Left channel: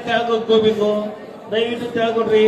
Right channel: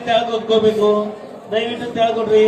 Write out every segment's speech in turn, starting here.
ತೆಳಗ್ ಹೋಗ್ಕೋಬೇಕು ದಯವಿಟ್ಟು ತೆಳಗೊಡ್ರಿ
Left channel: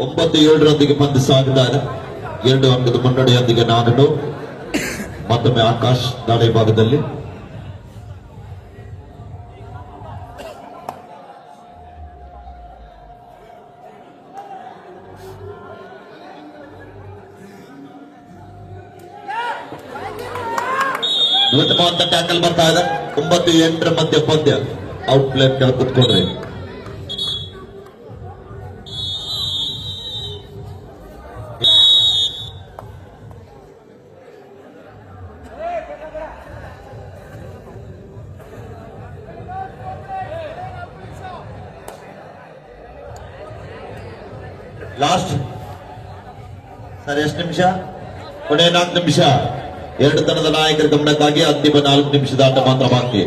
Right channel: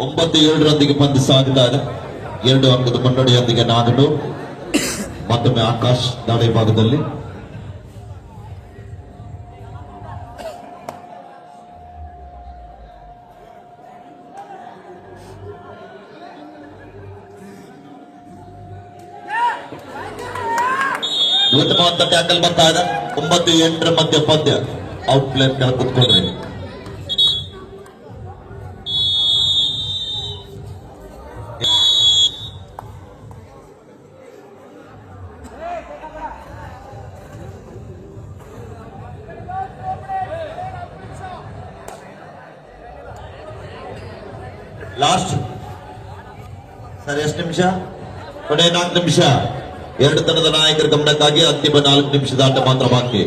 ಒಂಬತ್ತು ಏಳರೊಂದಿಗೆ ಪಂದ್ಯ ಸಾಗಿದ್ದಾರೆ. ಎರಡು ಅಂಕದ ಮುನ್ನಡೆಯೊಂದಿಗೆ ನಾನು ಮತ್ತೊಮ್ಮೆ ಆಕಾಶ್ ದಾಳಿ ಭಾಗದಲ್ಲಿ. ನೂತನವಾದ ಟ್ಯಾಕಲ್ ಬರ್ತಾ ಇದೆ. ಒಂಬತ್ತು ಎಂಟರ ಮಧ್ಯ ಪದ್ಯ. ಔಟ್ ಪ್ಲೇಟ್ ಕೆಳ ಕುತ್ಕೊಂಡ್ರಿ ಲಾಸ್ಟ್ ಸರ್ ಎಷ್ಟು ನಿಮಿಷ? ಕೊನೆ ನಾಲ್ಕು ನಿಮಿಷ. ಎರಡು ತನದ ನಾಯಕರ ಗಮನಕ್ಕಾಗಿ ಅಂತಿಮ ನಾಲ್ಕು ನಿಮಿಷದ ಆಟ ಮಾತ್ರ ಬಾಕಿ.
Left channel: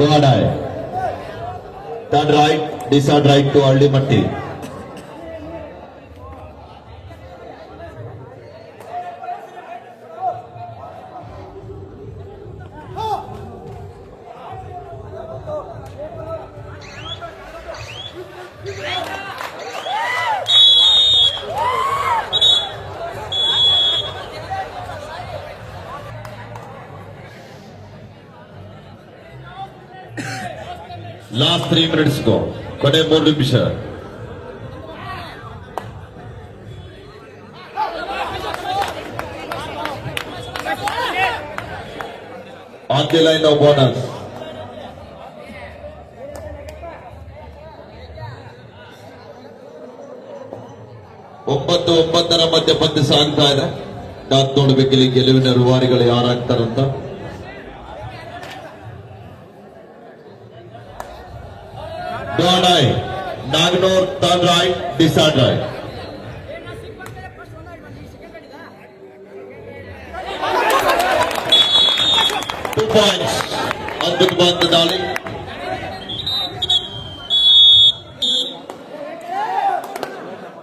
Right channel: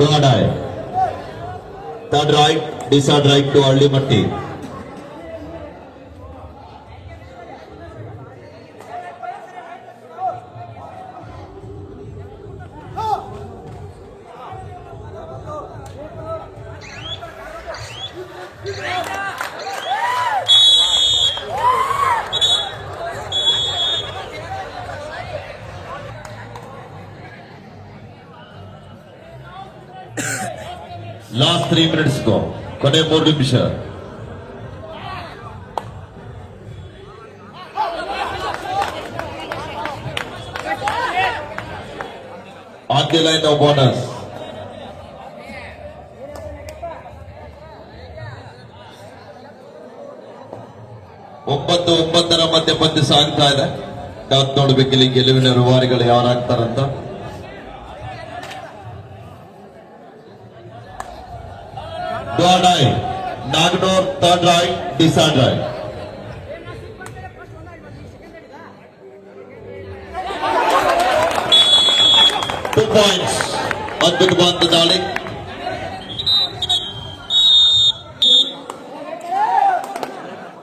to adai. Turn right, disard right to Aldi Matti. Three minutes, go. ಕೊನೆ ಮೂರು ನಿಮಿಷ On the line of bonus ಒಂಬತ್ತು, ಒಂಬತ್ತರ ಮಧ್ಯೆ ಪಂದ್ಯ ಸಾಗ್ತಾ ಇದೆ. ನಾತ್ ನೋಡ್ಬೇಕಿಲ್ಲಿ ಗೆಲುವಿನ ರೂವಾರಿಗಳು ಯಾರಾಗ್ತಾರಂತ. Eye, Nagnor, third right, decide right. Two points. ಅದ್ಭುತವಾದ ದಾಳಿ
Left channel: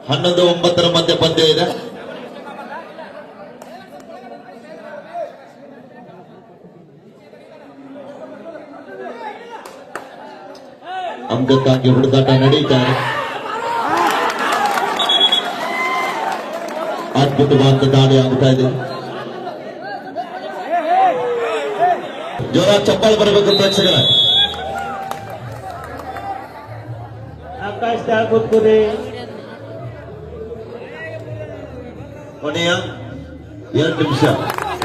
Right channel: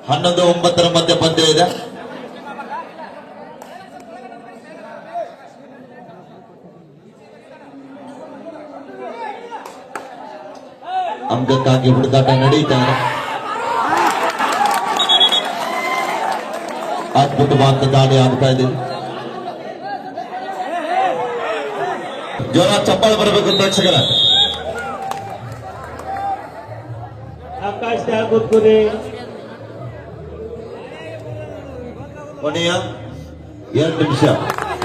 ಹನ್ನೊಂದು ಒಂಬತ್ತರ ಮಧ್ಯೆ ಪಂದ್ಯ ಇದೆ ಅಂದಕ್ಕಾಗಿ ಹುಡುಗಾಟ ನಡೀತಾ ಇದೆ ಅದ್ಭುತವಾದ ದಾಳಿ ಆಗ್ತಾ ಇದೆ. ಜ್ವರ ಚಪ್ಪಾಳೆ ಬರಬೇಕು ಪ್ರೇಕ್ಷಕರ ಆಕಾಶ್ ತೆಳಗ್ ಕೂತ್ಕೋರಿ ಕೊನೆಯ ಎರಡು ನಿಮಿಷ.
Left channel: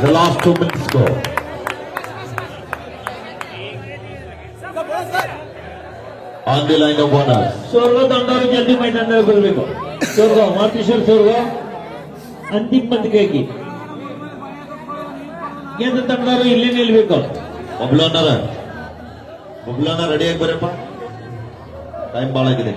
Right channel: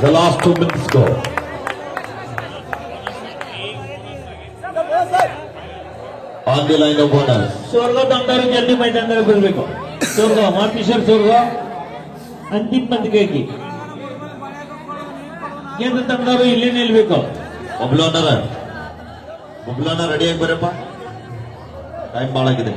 The last two minutes go on the line of owner ಸೋರ್ಗ ತಂಡವರು ಜಲ್ದಿ ಮೈದಾನದಲ್ಲಿ ಬರಬೇಕು ಸೋರ್ಗ ವಾಪಿಸರ್ ಸೋರ್ಗ ಅಂತಿಮ ಪಂದ್ಯಕ್ಕೆ ಕೇಂದ್ರ ತಂಡವರು ಇಲ್ಲೇ ನಿಲ್ಬೇಕು. ಬಬ್ಲೋನರ ಬಬ್ಲೋನ ರೆಡಿಯಾಗಿ ಬರಪ್ಪ. ಟೈಮ್ ಬಾಳಾಗಿದೆ.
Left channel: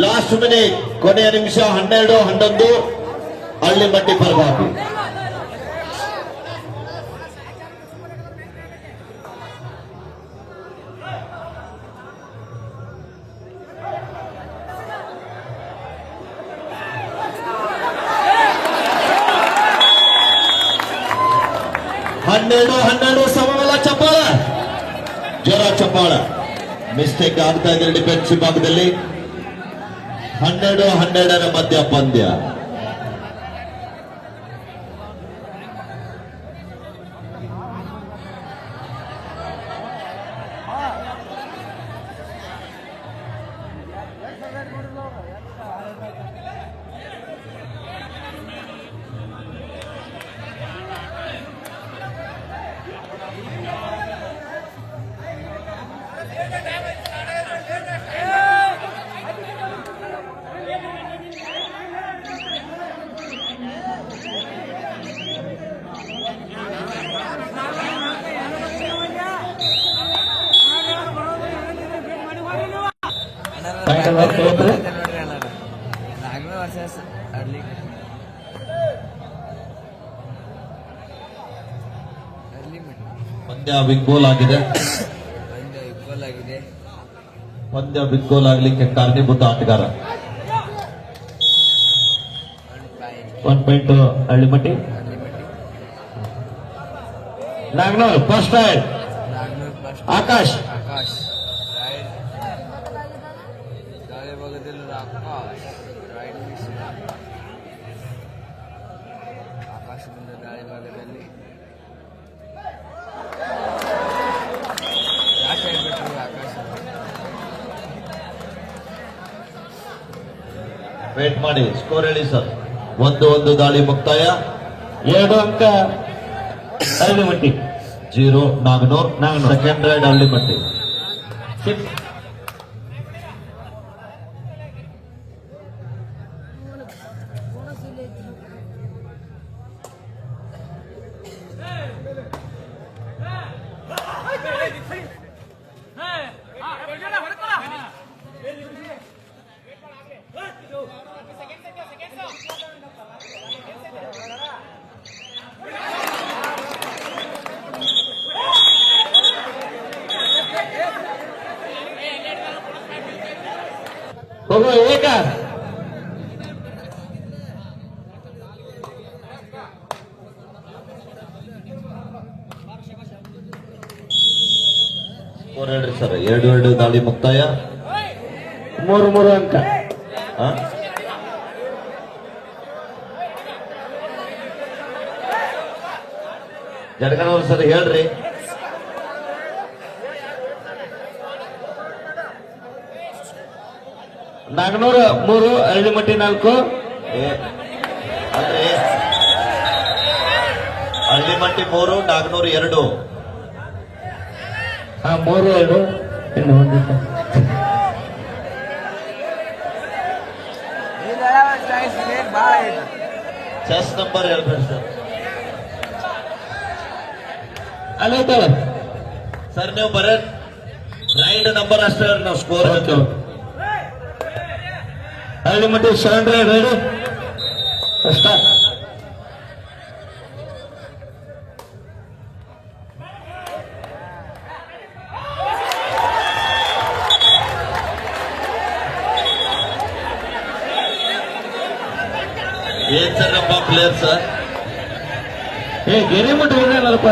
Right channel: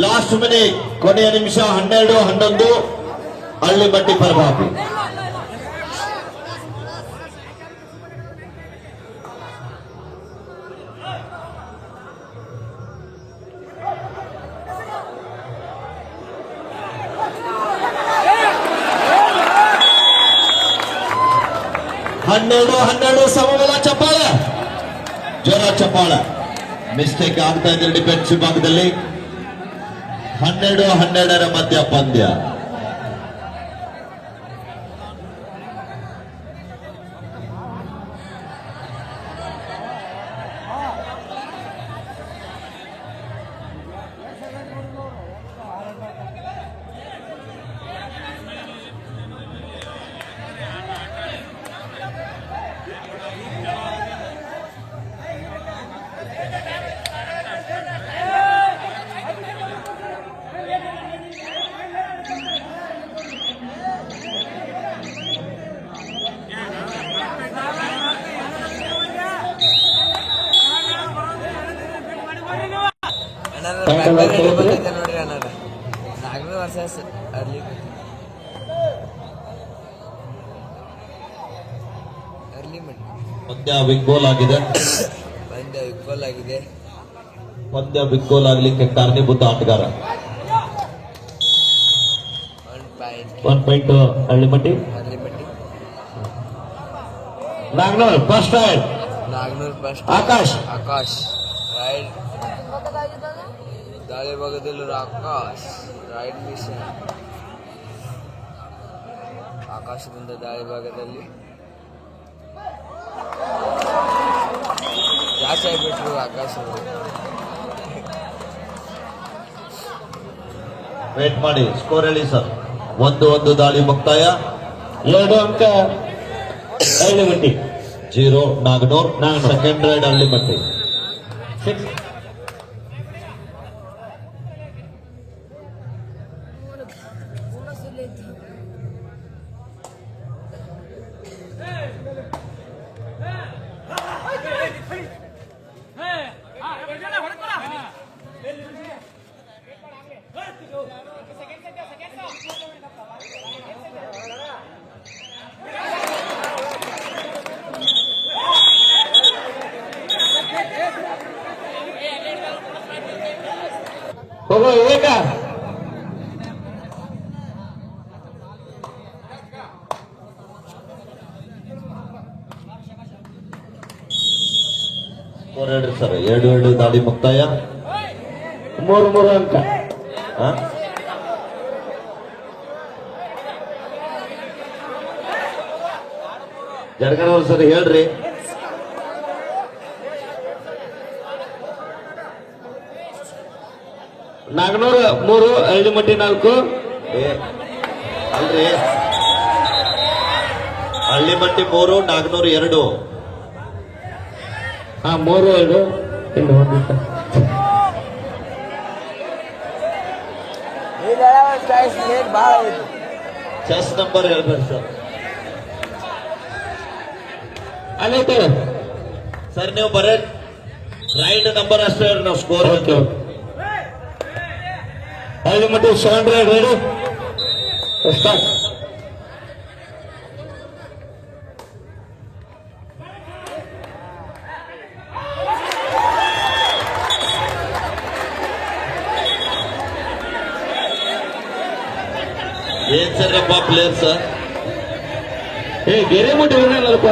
ಲಾಸ್ಟ್ ಮಿನಿಟ್ ಕೊನೆಯ ನಿಮಿಷ, ಹನ್ನೆರಡು, ಹನ್ನೊಂದು. ಹಳ್ಳಿ ಬಟ್ಟಿ ಪರಬಾಬು. ಹನ್ನೆರಡು ಹನ್ನೆರಡು, ಸಮಬಲ ಚಪ್ಪಾಳ. ಜ್ವರ ಚಪ್ಪಾಳ. ಮಿಸ್ಟೇಕ್ ಆಗ್ತಾ ಇದೆ ಡಿಫೆನ್ಸಿವ್ ಭಾಗದಲ್ಲಿ. ಹನ್ನೆರಡು ಹನ್ನೆರಡರ ಮಧ್ಯ ಪಂದ್ಯ. ಪಂದ್ಯ ಬಿಗ್ ಗೋಲ್ ಆಗಿದೆ. ಪಂದ್ಯ ಈಕ್ವಲ್ ಆಗಿದೆ ಪಂದ್ಯ ಬಿಗ್ ಗೋಲ್ ಆಗ್ಲಿಕ್ಕೆ ಕಾರಣೀಭೂತ ಆಟಗಾರ. One point Hallimatti. Nagnur first raid Nagnur first Akash. Akash. Right ಗಾಳಿ ಭಾಗದಲ್ಲಿ ಆಕಾಶ್ ರೈಟ್ ಮಿಷನ್ ಆಕಾಶದಿಂದ ದಾಳಿ ಭಾಗದಲ್ಲಿ ಯಾಕೆ ಆಗಿಬಿಟ್ರು ಆಕಾಶ ವೇಟ್ ಮಾಡಿ ಸ್ಕೋರ್ ಹೇಳಿ ಸರ್ ಒಂದು ಒಂದು ದಾಳಿ ಮುಕ್ತಾಯ. ಎರಡು ಅಂಕ. Hallimatti zero Naganur. Second raid Hallimatti six ಹೇಳ್ರಿ ಸರ್ ಎರಡು ಎರಡು ದಾಳಿ ಮುಕ್ತಾಯ. ಮೂರು ಮೂರು ಅಂಕ? ಜಡಗಣವ್ರು ಸರ್ ಹೇಳ್ರಿ. ನಾಗ್ನೂರ್ ಮೂರು ಹಳ್ಳಿಮಟ್ಟಿ ನಾಲ್ಕು. ಏ, ಅಲ್ರಿ. ಹಳ್ಳಿಮಟ್ಟಿ ಮೂರು ನಾಗನೂರು ಎರಡು. ಹಾ ಮೂರು ಎರಡು. ಚೆಸ್ ನಂಬರ್ ಹೇಳ್ಬೇಕು ಸರ್ ಅಲ್ಲೈತಲ್ಲ ಸರ್ ನೀವು ಬರ ರೈಡ್ ನಂಬರ್ ಅಷ್ಟೇ ನಾವು score okay ಹಳ್ಳಿಮಟ್ಟಿ seven ride ready start ಏನ್ ಸರ್ರಪ್ಪ ಪ್ಲೇಯರ್ ಸರ್ ಏ ಗೆರೆ ಮುಟ್ಟಿ ಹೋಗ್ರಲ್ಲಪ್ಪ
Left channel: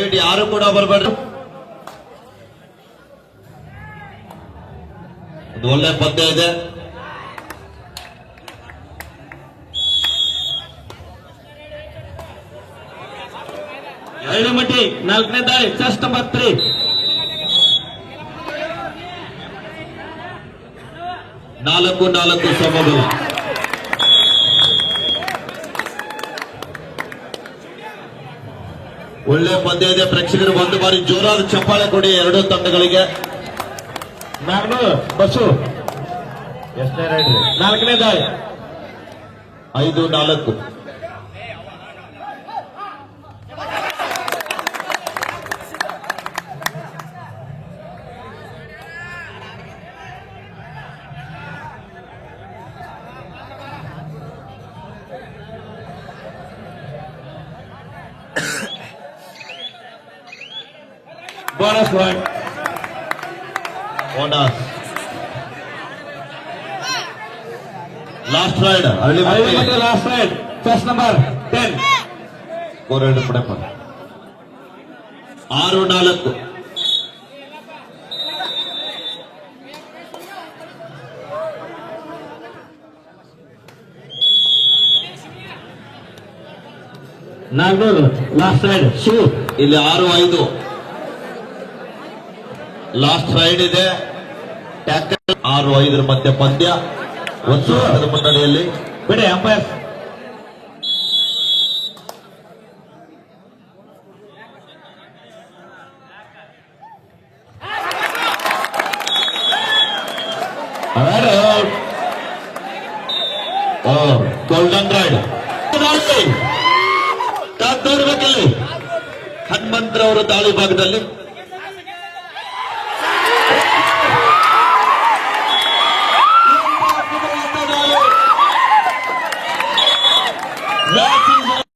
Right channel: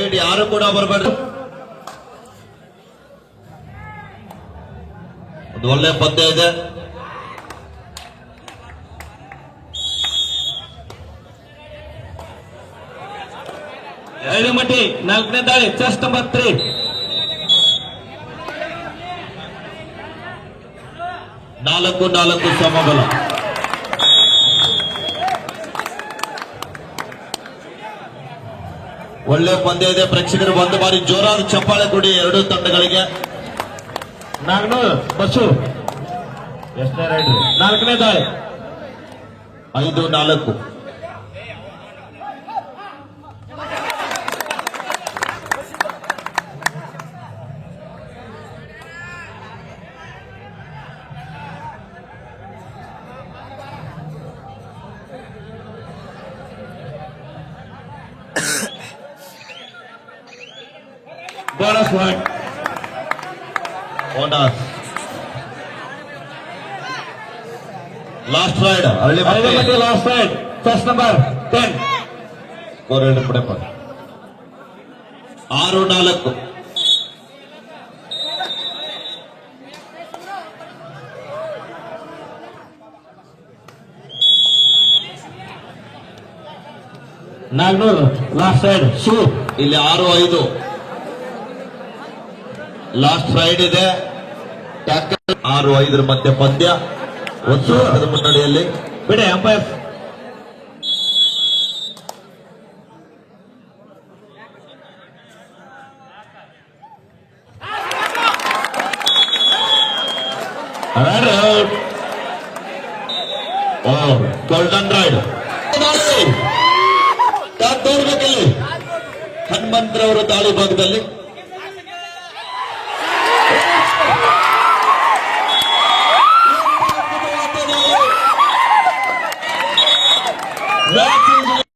ದಯವಿಟ್ಟು ಯಾರು ಕೂಡ ಬರಬೇಡ್ರಿ ಒಂದು ಒಳ್ಳೆ ಪದ್ಯ ಇದೆ. ಮಟ್ಟಿ ನಾಲ್ಕನೇ ದಾಳಿ ಚೆಸ್ಟ್ ನಂಬರ್ ತ್ರೀ ನಾಲ್ಕು ನಾಲ್ಕು ಸಮಬಲ. ಒಳ್ಳೆ ಪಂದ್ಯ ಇದೆ. ಪ್ರೇಕ್ಷಕರು ಒಂದು ಬಾರಿ ಜೋರಾದ ಚಪ್ಪಾಳೆ ಕೊಡಿ. ಎರಡೂ ತಂಡಗಳಿಗೆ. ನಾನು ಬಸ್ಸು. ಎಷ್ಟನೇ ರೈಡ್ ನಾಲ್ಕನೇ ದಾಳಿ ಐದು ನಾಲ್ಕು. Bonus point bonus last raid Halli Hallimatti last raid first number ten Koralli ಪಡಪ್ಪ ಆರು ನಾಲ್ಕು. ನಾಲ್ನೂರು. ಲಾಸ್ಟ್ ರೈಡ್ ಶೂ ಇಲ್ಲಿ ಆರು ಐದು. ಲಾಸ್ಟ್ ರೈಡ್ ಇದೆ ಟ್ಯಾಕಲ್ ಆರು ಐದರ ಮಧ್ಯೆ ಪಂದ್ಯ. ಒಂದು ವರ್ಷದ ಮುನ್ನಡೆಯಲ್ಲಿ. ಬಿಡಿ ಅಂಪೈರ್ ಗೋಲ್ಡನ್ ರೈಡ್ ತೋರ್ಬೇಕಲ್ಲಿ ಹನುಮಂತರವರ ದಾಳಿ ಭಾಗದಲ್ಲಿ